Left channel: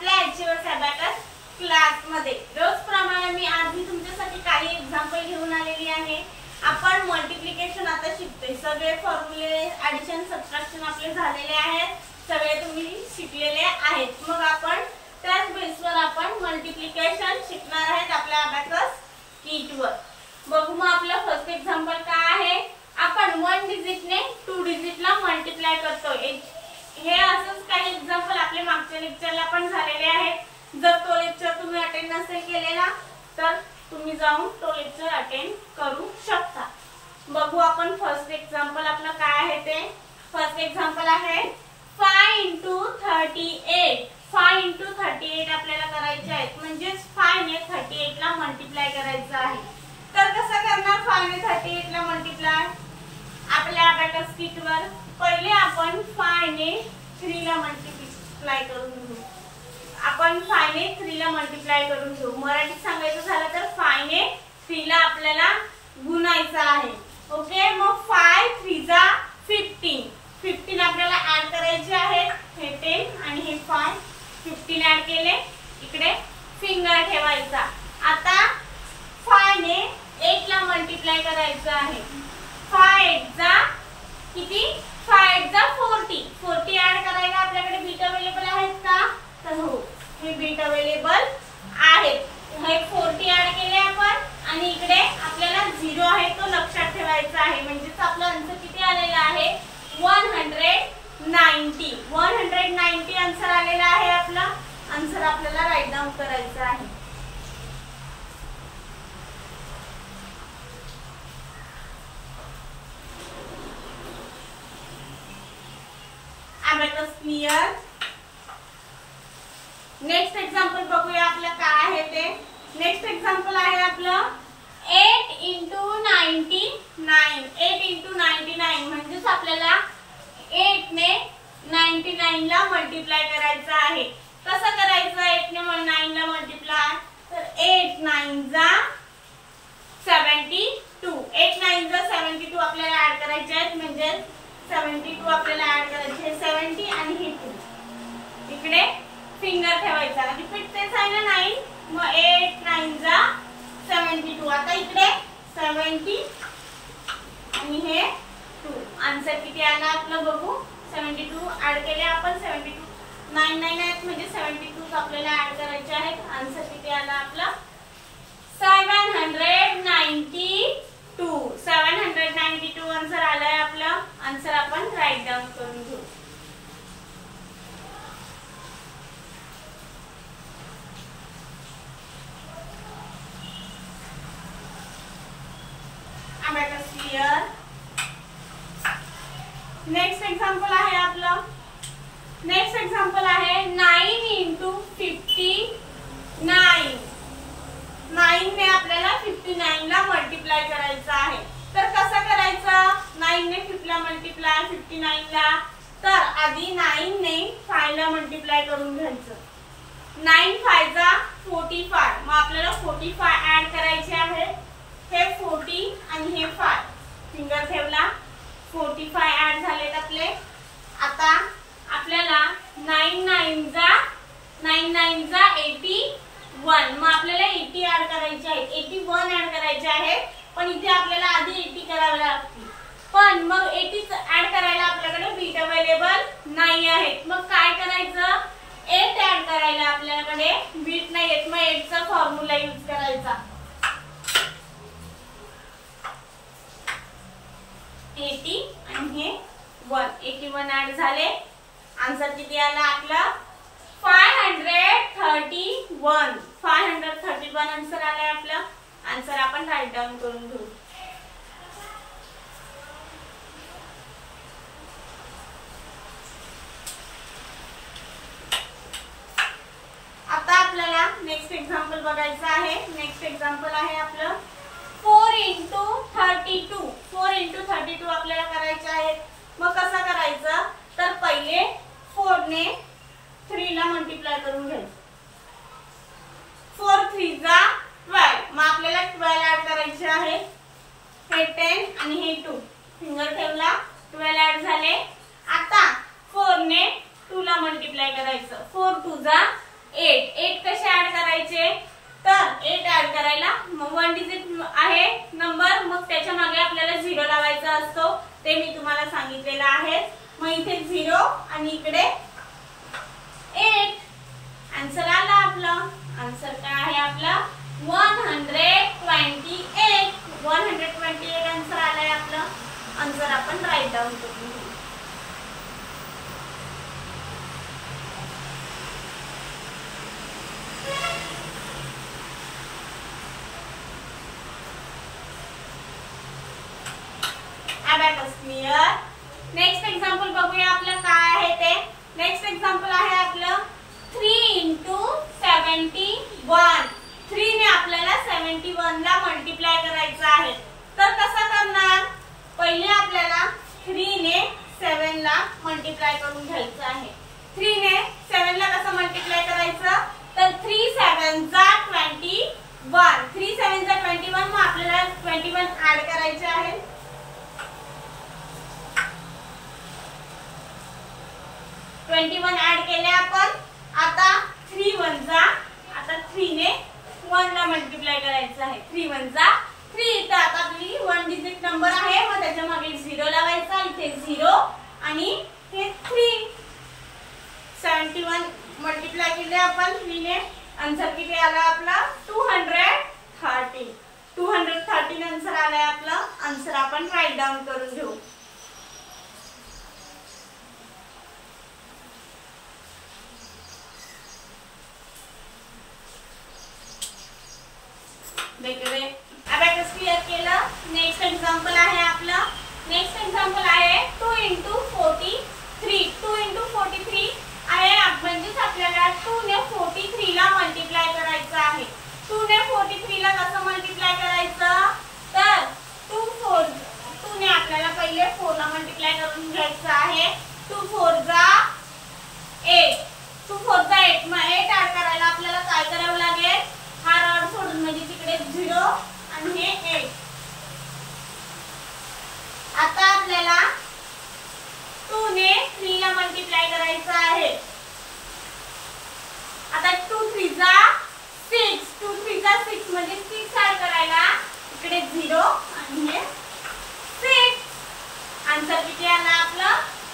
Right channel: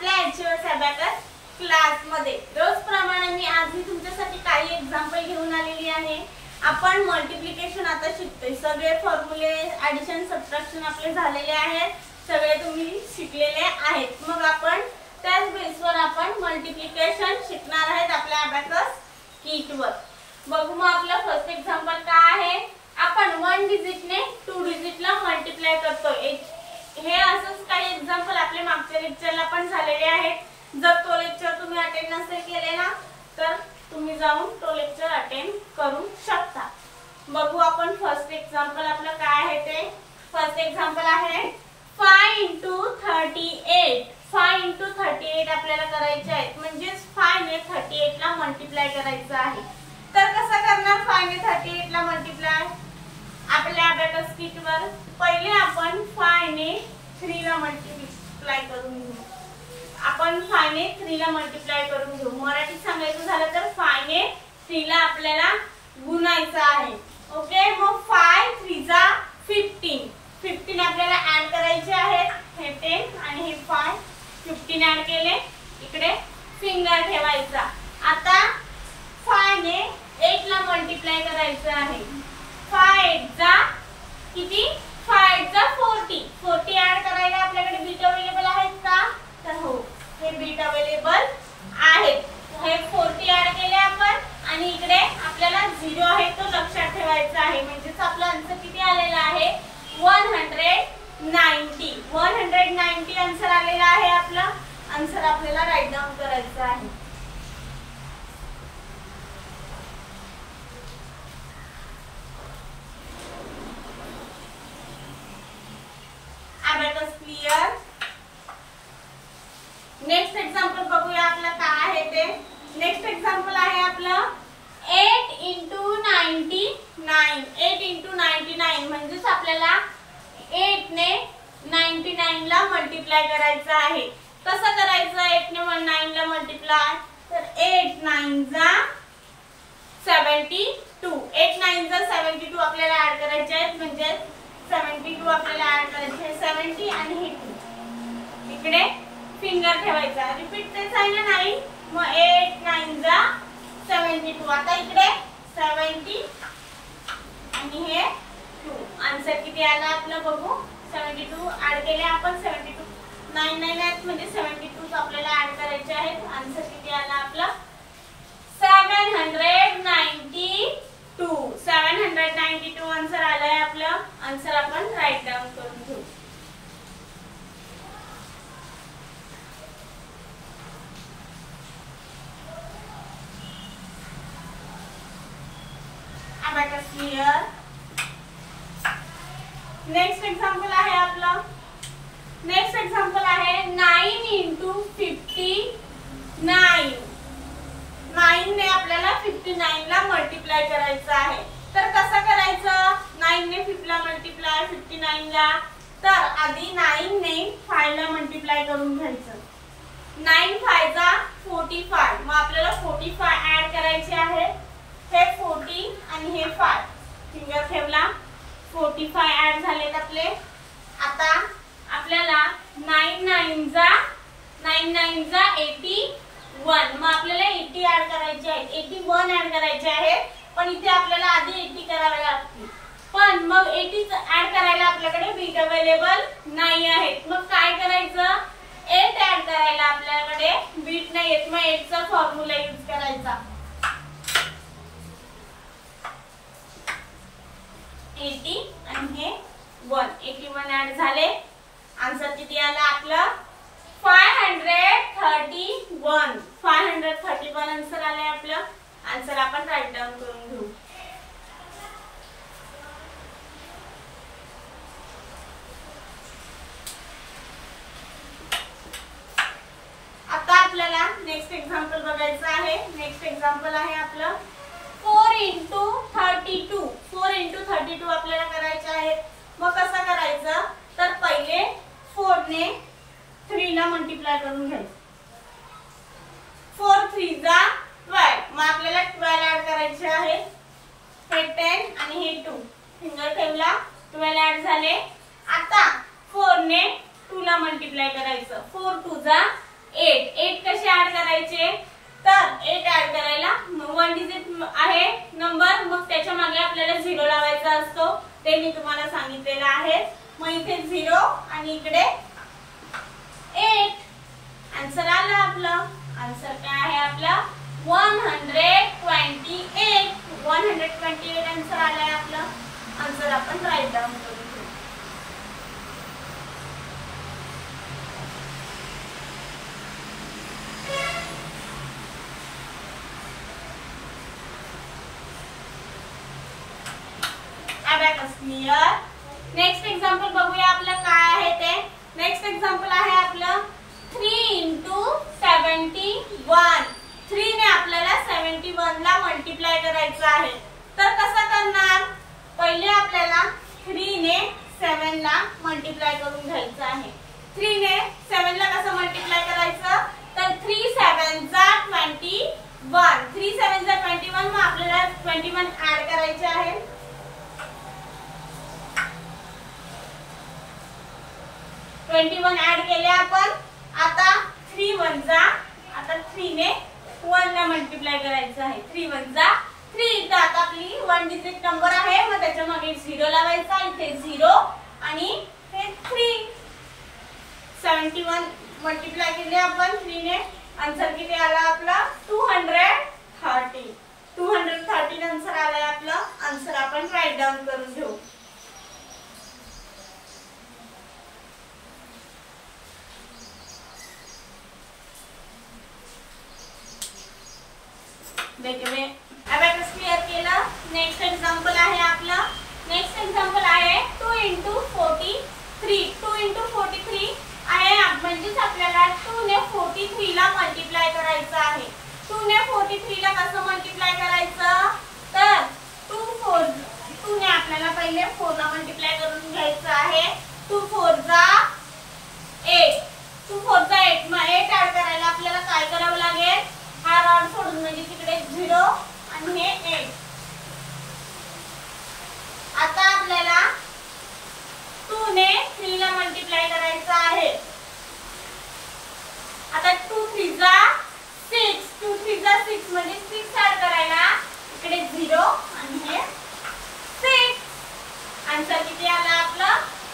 आपल्या HS abacus class मध्ये रोजप्रमाणे मी आज तुमच्यासाठी काही एक्झाम्पल घेऊन आलेली आहे। आपण मल्टिप्लिकेशन आता शिकतोय। सगळे फॉर्म्युले ॲडिशन सबट्रॅक्शन आपले झालेले आहेत, सगळे तुम्ही शिकलेले आहेत। मग आपण त्याच बेसवर आपण मल्टिप्लिकेशन शिकणार आहेत आपल्या अबॅकस किटवर। बघू मग आपलं फर्स्ट एक्झाम्पल काय आहे। आपण 1 डिजिटने 2 डिजिटला मल्टिप्लाय करतोय। हे असंच काही एक्झाम्पल आपल्या मागच्या लेक्चरला पण झालेले आहेत। जर तो लेक्चर तुम्ही अटेंड नसेल केलेला तर तुम्ही जाऊन तो लेक्चर अटेंड करू शकता। बघू आपण फर्स्ट एक्झाम्पल आपलं काय आहे ते। फर्स्ट एक्झाम्पल आहे 5 * 38। 5 * 38 आपल्याला करायचे आहे, म्हणजे 5 ने 38 ला मल्टिप्लाय करायचं आहे। तर कसं करणार 5 ने 38 ला मल्टिप्लाय आपल्या अबॅकस किटवर। पहिले आपण 5 ने 3 ला मल्टिप्लाय करून घेऊ। आपण 5 ने 3 ला मल्टिप्लाय करून घेऊ। मराठीत सांगायचं झालं तर 5 ने 3 ला आपल्याला गुणायचं आहे। ओके, मग 5 × 3 = 15। 15 आपल्याला ऍड करायचे आहेत। हे 10 आणि हे 5 15 ऍड केले, इकडे फिंगर ठेवायचा। आता 5 ने 8 ला मल्टिप्लाय करायचं आहे। 5 × 8 = किती? 5 × 8 = 40। 40 ऍड करायला आपल्याकडे बीट अवेलेबल आहेत का? तर हो, हे बीट अवेलेबल आहेत। हे 40 ऍड केले आपण आणि इकडे आपल्याला 0 आहे तो लक्षात ठेवायचा आहे। म्हणजे आपला आन्सर किती आलेला आहे 190। 190 आन्सर आलेला आहे। आपला आन्सर आपल्याला राईट डाऊन करायचं आहे। Abacus clear. नेक्स्ट एक्झाम्पल बघूया आपलं काय आहे ते। नेक्स्ट एक्झाम्पल आहे आपलं 8 × 99। 8 × 99 म्हणजे आपल्याला 8 ने 99 ला मल्टिप्लाय करायचं आहे। कसं करायचं 8 ने 9 ला मल्टिप्लाय? तर 8 × 9 = 72। 8 × 9 = 72 आपल्याला ऍड करायचे आहेत, म्हणजे 72 आपल्याला ऍड करायचे 70 आणि हे 2 इकडे फिंगर ठेवायचा। रिपीट तेच आहे ना 9, मग 8 × 9 = 72। आता इकडे 70 आणि हे 2 आन्सर किती आला आपलं बघू। 72 ऍड केले आपण। 72 9 9 आहेत म्हणजे 72 आपल्याला ऍड करायचे आहेत। आन्सर किती आला आपला 792। 792 आन्सर आलाय आपला। आन्सर आपण राईट डाऊन करून घेऊ। Abacus clear. नेक्स्ट एक्झाम्पल आहे आपलं। नेक्स्ट एक्झाम्पल आहे 9 × 59। 9 ने आपल्याला 59 ला मल्टिप्लाय करायचं आहे। तर कसं करायचं 9 ने 5 ला मल्टिप्लाय 59 ला? तर आधी 9 ने 5 ला मल्टिप्लाय करून घ्यायचं। 9 × 5 = 45। मग आपल्याला 45 ऍड करायचे आहे। हे 40 आणि हे 5 फिंगर ठेवला, 45 ऍड झालेत आपले। आता आपल्याला 9 9 = 81। मग आपल्याला 80 ऍड करायचे आहेत, 81 ऍड करायचे आहेत। पण इथे आपल्याला आधी 80 करावे लागतील, पण मग 80 ऍड करायला आपल्याकडे बीट अवेलेबल नाही आहेत। मग काय करायचं 8 ऍड करायला आपल्याकडे बीट नाही आहेत, मग 8 चा फॉर्म्युला यूज करायचा। 80 आणि हे 1 81 ऍड झाले। आन्सर किती आला आपला 531। 531 आन्सर आलाय आपलं। आन्सर आपण राईट डाऊन करून घेऊ। आता आपल्याला नेक्स्ट एक्झाम्पल बघायचं आहे। नेक्स्ट एक्झाम्पल आहे आपलं 4 × 32। 4 × 32 आपल्याला करायचे आहेत। मग कसं करायचं तर पहिले 4 ने 3 ला मल्टिप्लाय करून घ्यायचं। 4 × 3 = 12। मग आपल्याला 12 ऍड करायचे आहे। हे 10 आणि हे 2 फिंगर ठेवला, 12 ऍड झाले। आता 4 ने 2 ला मल्टिप्लाय करायचं। 4 × 2 = 8 कसे ऍड करायचे, तर 8 ऍड करायला वन डिजिट आहे नंबर, मग त्याच्या मागे आपल्याला 0 लावायचा असतो, ते मी तुम्हाला सांगितलेलं आहे. मग इथे 0 आणि इकडे 8. आन्सर आला आपलं. आन्सर काय आहे आपला 128. 128 आन्सर आलाय आपलं. आन्सर आपण राईट डाऊन करून घेऊ. क्लियर. नेक्स्ट एक्झाम्पल बघूया आपलं काय आहे ते. नेक्स्ट एक्झाम्पल आहे आपलं 3 × 71. 3 ने आपल्याला 71 ला मल्टिप्लाय करायचं आहे. तर कसं करणार, पहिले आपल्याला 3 ने 7 ला मल्टिप्लाय करून घ्यायचं आहे. 3 ने 7 ला कसं मल्टिप्लाय करायचं, तर 3 7 जा 21. 3 7 जा 21. मग आपल्याला 21 ऍड करायचे आहे. 21 ऍड केले आपण. आता 3 1 जा, आता 3 ने 1 ला मल्टिप्लाय करायचं आहे. 3 1 जा 3. तर आता आपली वन डिजिट नंबर आहे, मग त्याच्या मागे 0 लावायचा. इथे 0 आणि हे 3. 71 मल्टिप्लाय केले आपण 3 ने. आन्सर किती आला आपला 230. 230 आन्सर आलाय आपला. आन्सर आपण राईट डाऊन करून घेऊ. अबॅकस क्लियर केलं. नेक्स्ट एक्झाम्पल आहे आपला. नेक्स्ट एक्झाम्पल आहे 2 × 43. 2 × 43 आहे, म्हणजेच आपल्याला 2 ने 43 ला मल्टिप्लाय करायचं आहे. 2 ने 43 ला कसं मल्टिप्लाय करायचं, तर 2 ने आपल्याला पहिले 4 ला मल्टिप्लाय करून घ्यायचं आहे. 2 4 जा 8. 2 4 जा 8. मग 8 ऍड करायला आपल्याला काय करावं लागेल, हा रॉड सोडून, म्हणजे तिकडे 0 आणि हे 8. आता आपल्याला 2 ने 3 ला मल्टिप्लाय करायचं आहे. आता 2 3 जा 6. 2 3 जा 6 म्हणजे 6 ऍड करायला इकडे 0 आणि हे 6. आन्सर किती आला आपला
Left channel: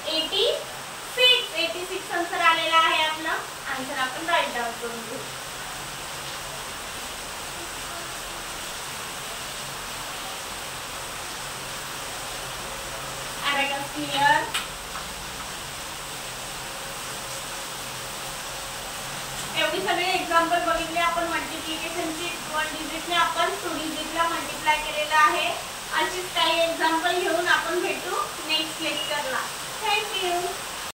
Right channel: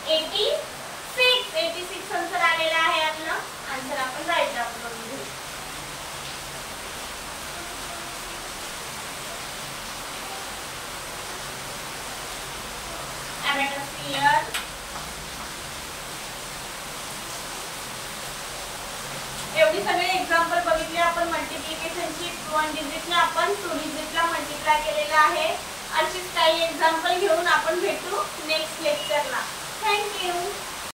86. 86 आन्सर आलेला आहे आपला. आन्सर आपण राईट डाऊन करून घेऊ. क्लियर. एवढी सगळी एक्झाम्पल बघितले आपण मल्टिप्लिकेशनची. 1 डिजिटने आपण 2 डिजिटला मल्टिप्लाय केलेलं आहे. अशीच काही एक्झाम्पल घेऊन आपण भेटू नेक्स्ट लेक्चरला. थँक्यू.